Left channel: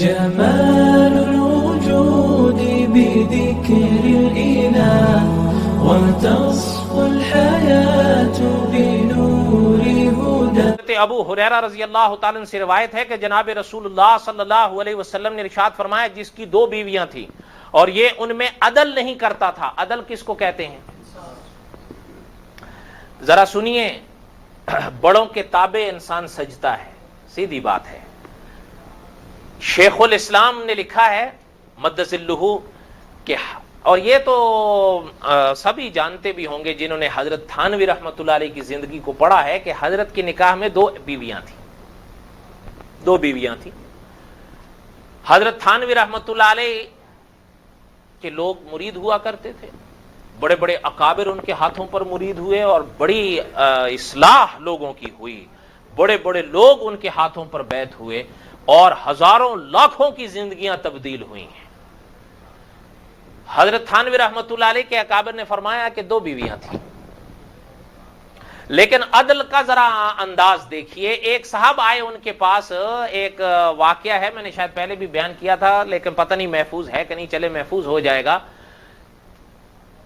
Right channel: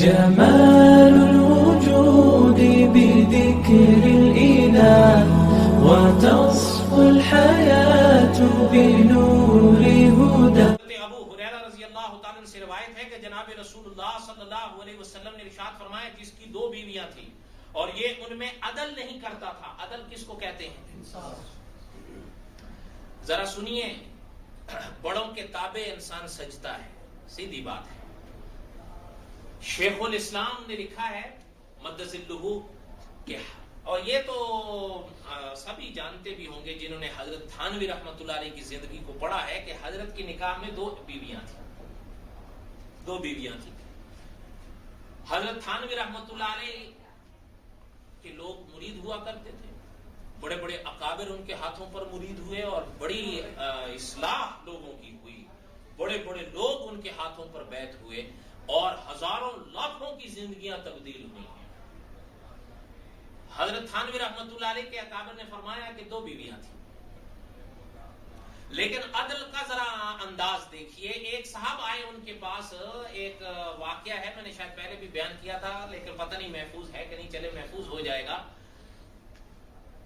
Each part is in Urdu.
جمال الوجود بذكر الإله وتصفو الحياة بنور هدى. ابو ہریرہ رضی اللہ تعالیٰ عنہ سے روایت ہے کہ جناب رسول اللہ صلی اللہ علیہ وسلم نے ارشاد فرمایا جس کی 2 بیویاں تھیں اور یہ ان میں عدل نہیں کرتا تھا. عدل کس کو کہتے ہیں؟ ذرا سنیے، بڑوں کے تابع انسان سجتا ہے، سیدھی بات ہے. شیخ الاسلام نے لکھا ہے مدظلہ کہ، اور یہ تو سبھی جانتے بھی ہوں گے جنہوں نے حضرت تھانوی رحمۃ اللہ علیہ کی زندگی کو پڑھا ہے، کہ حضرت کے نکاح میں 2 بیویاں تھیں. 2 بیویاں تھیں. حضرت تھانوی رحمۃ اللہ علیہ کے لوگ مرید ہوا کرتے تھے، بڑے بڑے اکابر ان کے ہاتھوں پر مرید ہوئے اور بڑی اصلاح لوگوں کی ہوئی. بڑے بڑے لوگ ان کے ہاتھوں پر بیعت ہوئے اور ہزاروں لاکھوں کی زندگیاں تبدیل ہوئی ہیں. حضرت تھانوی رحمۃ اللہ علیہ کے اکابر نے فرمایا کہ 2 بیویاں تھیں، لیکن عدل کا ذرا انداز دیکھیے. ایک صاحب آئے ان کے پاس، ایک واقعہ ہے، میں نے شاید پہلے بھی بیان کیا تھا لیکن پتہ نہیں محفوظ ہے کہ نہیں، چلے محفوظ ہو جائے گا.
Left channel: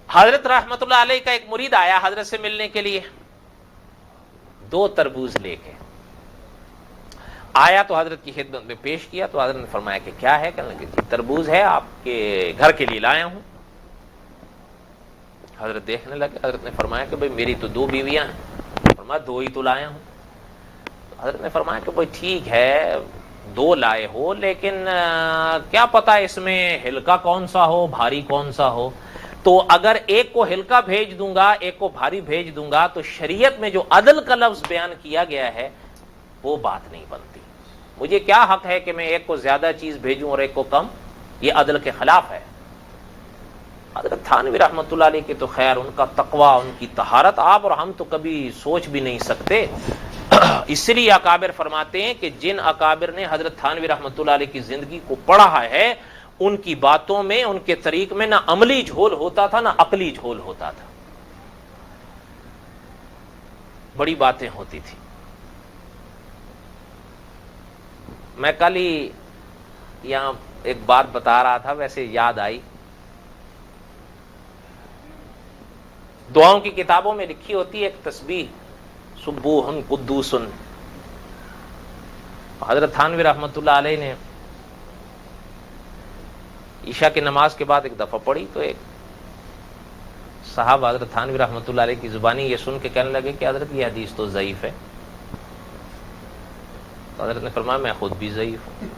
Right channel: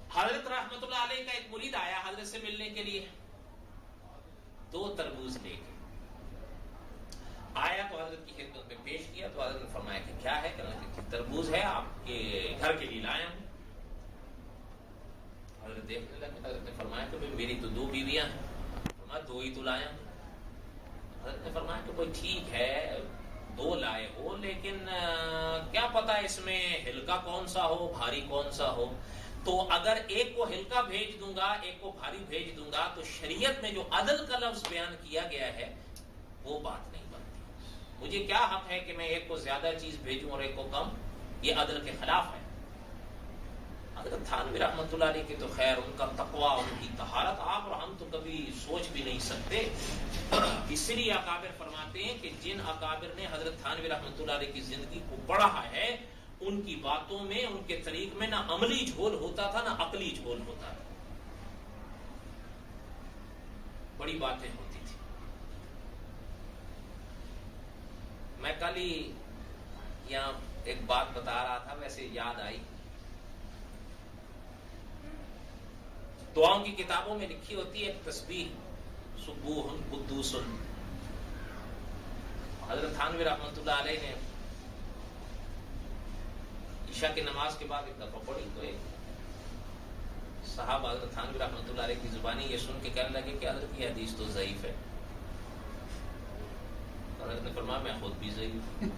حضرت رحمۃ اللہ علیہ کا ایک مرید آیا حضرت سے ملنے کے لیے، 2 تربوز لے کے آیا تو حضرت کی خدمت میں پیش کیا تو حضرت نے فرمایا کہ کیا ہے؟ کہنے لگے تربوز ہے، آپ کے گھر کے لیے لایا ہوں. حضرت دیکھنے لگے. حضرت نے فرمایا کہ بھئی میری تو 2 بیویاں ہیں. فرمایا 2 ہی تو لایا ہوں. حضرت نے فرمایا کہ بھئی ٹھیک ہے 2 لائے ہو، لیکن کیا پتا اس میں ہلکا کون سا ہو بھاری کون سا ہو. تو اگر ایک کو ہلکا بھیج دوں گا ایک کو بھاری بھیج دوں گا تو شریعت میں جو عدل کا لفظ بیان کیا گیا ہے وہ بات نہیں بنتی. مجھے کیا حق ہے کہ میں ایک کو زیادہ چیز بھیجوں اور ایک کو کم؟ یہ عدل کے خلاف ہے. حضرت تھانوی رحمۃ اللہ علیہ کے تو خیر ان کا تقوی، ان کی طہارت آپ اور ہم تو کبھی سوچ بھی نہیں سکتے. اس لیے اکابر فرماتے ہیں کہ جن اکابر نے حضرت تھانوی رحمۃ اللہ علیہ کی زندگی کو پڑھا ہے ان کی باتوں میں، ان کے طریق میں نہ عملی جھول ہوتا تھا نہ عقلی جھول ہوتا تھا. بڑی باتیں ہوتی تھی. میں کل ہی یہاں ایک بات بتا رہا تھا، ویسے یاد آئی. دعاؤں کی کتابوں میں لکھی ہوتی ہے ایک تسبیح سبوح قدوس. حضرت تھانوی رحمۃ اللہ علیہ نے عشاء کی نماز کے بعد ایک دفعہ پڑھی تو ایک صاحب حضرت تھانوی رحمۃ اللہ علیہ کی زبانی یہ سن کے کہنے لگے کہ حضرت یہ حدیث تو ضعیف ہے. تو حضرت نے فرمایا میں خود بھی ضعیف ہوں.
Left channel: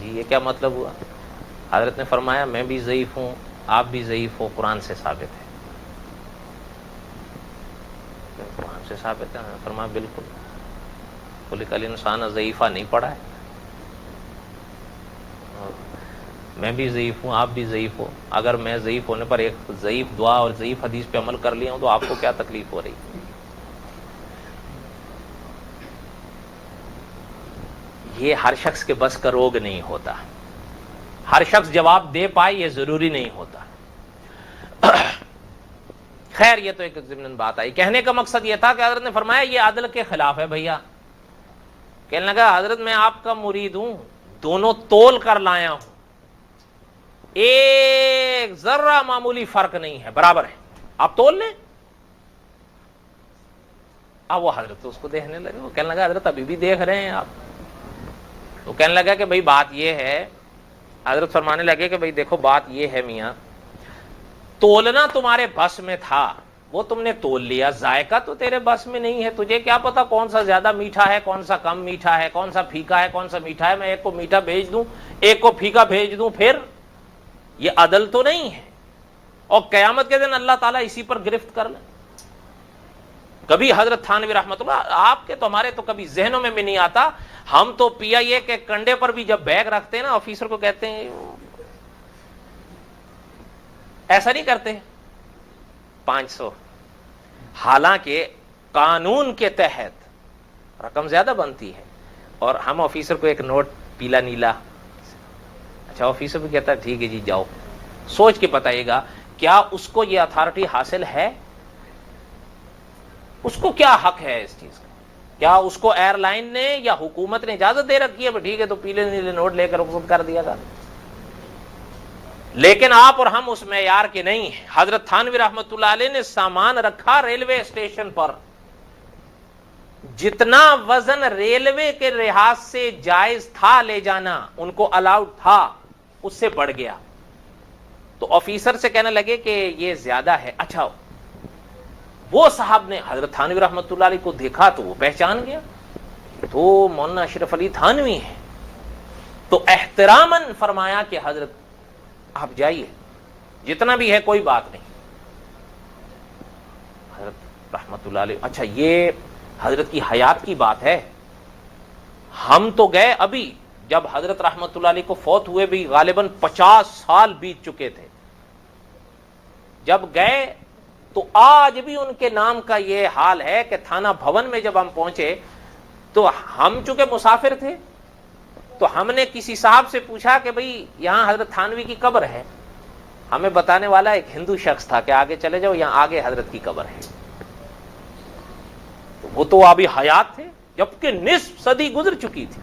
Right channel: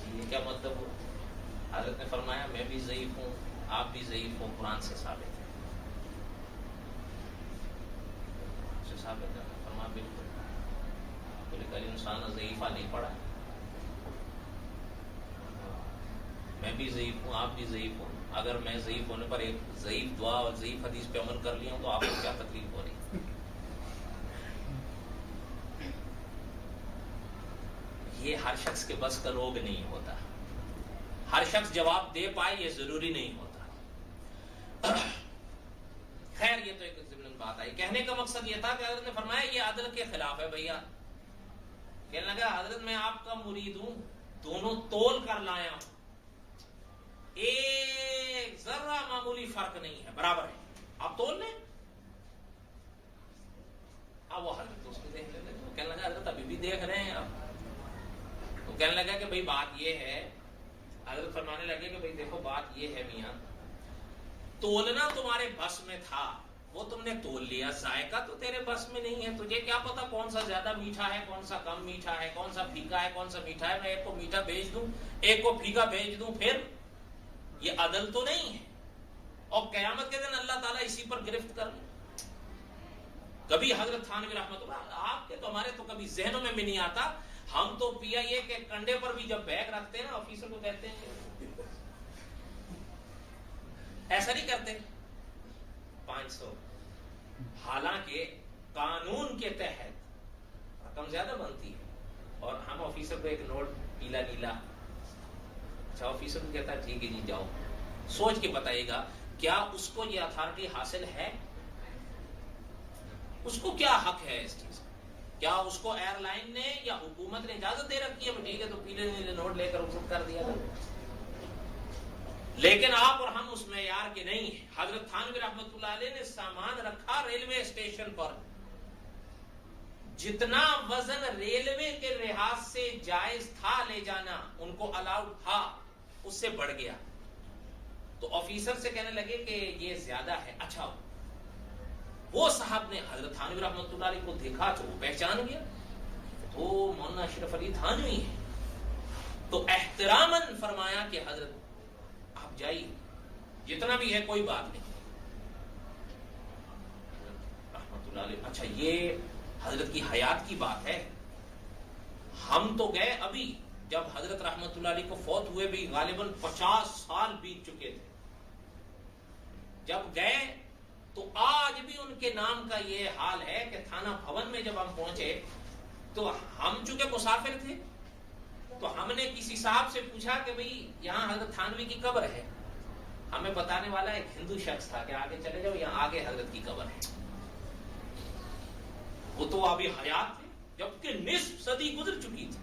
جی یہ کیا مطلب ہوا؟ حضرت نے فرمایا میں بھی ضعیف ہوں، آپ بھی ضعیف ہو، قرآن سے ثابت ہے. قرآن سے ثابت ہے؟ فرمایا بالکل. خلق الانسان ضعیفہ نہیں پڑھا ہے؟ میں بھی ضعیف ہوں، آپ بھی ضعیف ہو. اگر میں ضعیف ہونے پر ایک ضعیف دعا اور ضعیف حدیث پہ عمل کر لیا ہوں تو آپ کو کیا تکلیف ہو رہی؟ یہ ہر شخص کے بس کا روگ نہیں ہوتا. ہر شخص جواب دے پائے یہ ضروری نہیں ہوتا. خیر یہ تو ایک ضمن بات آئی. کہنے کا مقصد یہ تھا کہ حضرت نے فرمایا یہ عدل کے خلاف ہے بھیا. کہنے لگا حضرت میں آپ کا مرید ہوں، دونوں تول کر لایا ہوں، ایک ذرہ معمولی فرق نہیں ہے، برابر ہے، آپ تول لیں. اب وہ حضرت تو اس کو دیکھنے لگے. وہ کہنے لگا حضرت ابھی بھی دیکھ رہے ہیں آپ. وہ کہنے لگا کہ بھئی بات یہ ہے. حضرت فرمانے لگے کہ بھئی دیکھو بات یہ ہے میاں، تولنا تمہارے بس میں تھا، وہ تم نے تول لیا. ذائقہ تو تیرے بس میں نہیں ہے. تجھے کیا پتا کون سا زیادہ میٹھا ہے کون سا کم میٹھا ہے، کون سا پھیکا ہے کون سا میٹھا ہے. میں ایک کو میٹھا بھیج دوں ایک کو پھیکا بھیج دوں، پھر یہ عدل تو نہیں ہے. اور قیامت کے دن اللہ تعالیٰ اسی پر گرفت کر لے. کبھی حضرت تھانوی رحمۃ اللہ آپ کے تو ہمارے تو کبھی ذہنوں میں بھی نہیں آتا. ہم تو پیا یہ کہ کنڈے پر بھی جب بیگ رکھتے ہیں نا آفیسر کو کہتے ہیں ایسا نہیں کرتے 500، حالانکہ قانون کے تحت رقم زیادہ بنتی ہے اور ہم آفیسر کو ایک نوٹ پیلا نیلا. اچھا آفیسر بھی کہتا ہے ٹھیک ہے جی جاؤ. سوچ کے بتائیے گا کیا اس کو یہ اتھارٹی حاصل ہے؟ اس کو کیا حق ہے اس چیز کا؟ کیا اس کو ایئر لائن نے یا حکومت نے اجازت دے رکھی ہے؟ ٹھیک ہے تو پیلے نیلے نوٹ لے کر رخصت کر دیا تھا. لیکن آپ اور ہم اس معیار کے نہیں ہیں. حضرت تھانوی رحمت اللہ علیہ نے سامان رکھا ریلوے اسٹیشن پر، جتنا وزن ریلوے کے لحاظ سے جائز تھا لے جانا ان کو الاؤڈ تھا، اس سے بڑھ گیا. تو آفیسر سے کہنے لگے کہ یہ زیادہ ہے. اچھا، وہ صاحب نے حضرت تھانوی رحمت اللہ علیہ کو دیکھا تو وہ پہچان گیا، تو مولانا اشرف علی تھانوی ہیں. تو احتراماً فرمایا کہ حضرت آپ جائیے، جتنا بھی ہے کوئی بات نہیں. حضرت رحمت اللہ علیہ، اچھا یہ حضرت کی حیات کی بات ہے. ہم تو گئے ابھی، جب حضرت رحمت اللہ علیہ کو فوت ہوئے بھی غالباً 50 سال بیت چکے تھے. جب گئے تو آج بھی ان کے نام کا یہ حال ہے کہ تھانہ بھون میں جب ہم پہنچے تو ہم چونکہ مسافر تھے تو ہم نے کسی صاحب سے پوچھا کہ بھئی یہاں حضرت تھانوی کی قبر ہے. ہمیں بتانے والا ایک ہندو شخص تھا کہ آگے چلے جاؤ، یہاں آگے حضرت کی قبر ہے. وہ تو ابھی حیات تھے جبکہ نصف صدی گزر چکی تھی،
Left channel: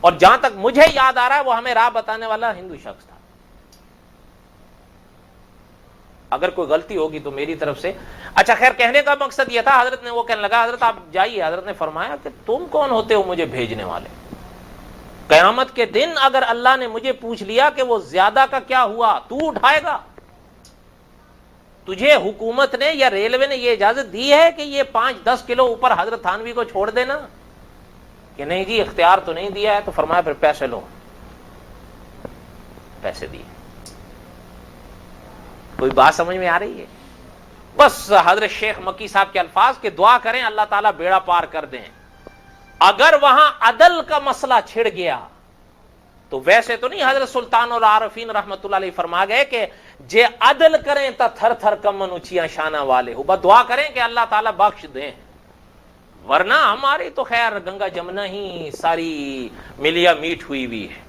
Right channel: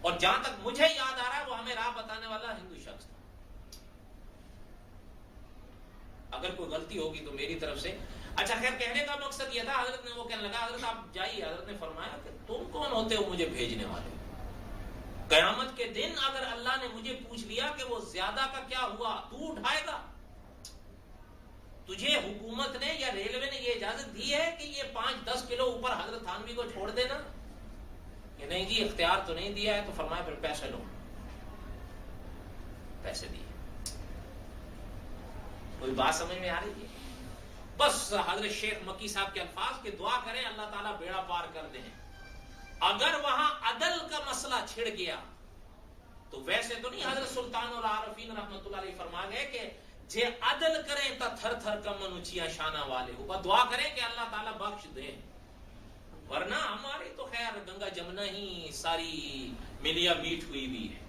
اور جہاں تک مجھے یاد آ رہا ہے وہ ہمیں راہ بتانے والا ہندو شخص تھا. اگر کوئی غلطی ہوگی تو میری طرف سے. اچھا خیر، کہنے کا مقصد یہ تھا، حضرت نے وہ کہنے لگا حضرت آپ جائیے. حضرت نے فرمایا کہ تم کون ہوتے ہو مجھے بھیجنے والے؟ قیامت کے دن اگر اللہ نے مجھے پوچھ لیا کہ وہ زیادہ کا کیا ہوا، تو اٹھائے گا؟ تجھے حکومت نے یا ریلوے نے یہ اجازت دی ہے کہ یہ 5-10 کلو اوپر حضرت تھانوی کو چھوڑ دینا؟ کہ نہیں جی اختیار تو نہیں دیا ہے. تو فرمایا پھر پیسے لو. پیسے دیے. کوئی بات سمجھ میں آ رہی ہے؟ بس حضرت شیخ مکی صاحب کے الفاظ کہ دعا کریں اللہ تعالیٰ بیڑا پار کر دیں. اگر وہاں عدل کا مسئلہ چھڑ گیا تو ویسے تو نہیں، حضرت سلطان العارفین رحمت اللہ علیہ فرما گئے کہ جے عدل کریں تا تھر تھر کمن اونچیاں شانہ والے ہو. بس دعا کریں کہ اللہ تعالیٰ بخش دیں، ورنہ ہماری تو خیر گنگا جمنا ہی ساری ملیا میٹ ہوئی ہوئی ہے.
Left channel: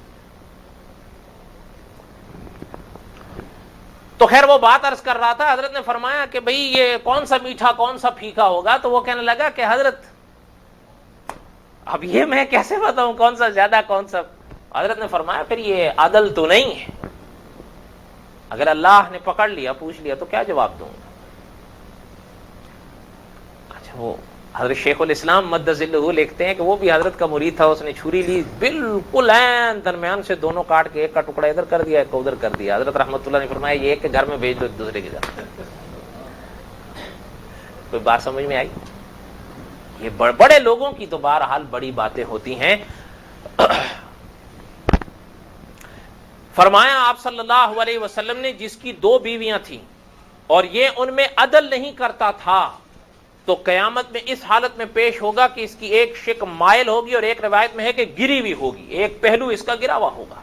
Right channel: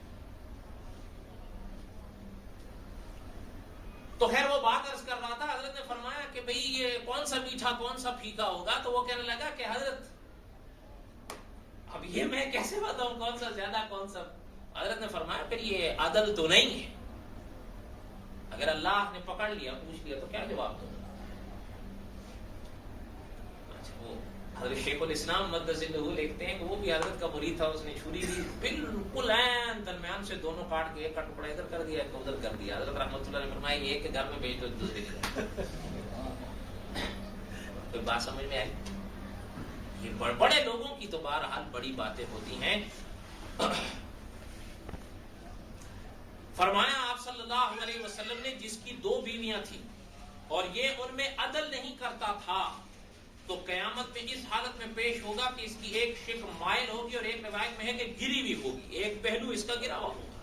تو خیر وہ بات عرض کر رہا تھا. حضرت نے فرمایا کہ بھئی یہ کون سا میٹھا کون سا پھیکا ہوگا؟ تو وہ کہنے لگا کہ حضرت اب یہ میں کیسے بتاؤں کون سا زیادہ کون سا. حضرت نے فرمایا پھر یہ عدل تو نہیں ہے. اگر اللہ نے پکڑ لیا پوچھ لیا تو کیا جواب دوں گا؟ اچھا وہ حضرت شیخ الاسلام مد ظلہ لکھتے ہیں کہ وہ بھی حضرت کا مرید تھا. اس نے چھری لی، بالکل عین درمیان سے دونوں کاٹ کے ایک کا ٹکڑا ادھر کر دیا ایک کو ادھر کر دیا. حضرت رحمت اللہ نے فرمایا یہ ایک کے گھر میں بھیج دو دوسرے کے گھر. کوئی بات سمجھ میں آئی؟ یہ بڑے لوگوں کی تو بہرحال بڑی باتیں ہوتی ہیں. فرمایا آپ صلی اللہ علیہ وسلم نے جس کی 2 بیویاں تھیں اور یہ ان میں عدل نہیں کرتا تھا تو قیامت میں اس حالت میں پیش ہوگا کہ اس کی ایک شق مائل ہوگی اور ایک روایت میں ہے کہ گری ہوئی ہوگی، ایک پہلو اس کا گرا ہوا ہوگا.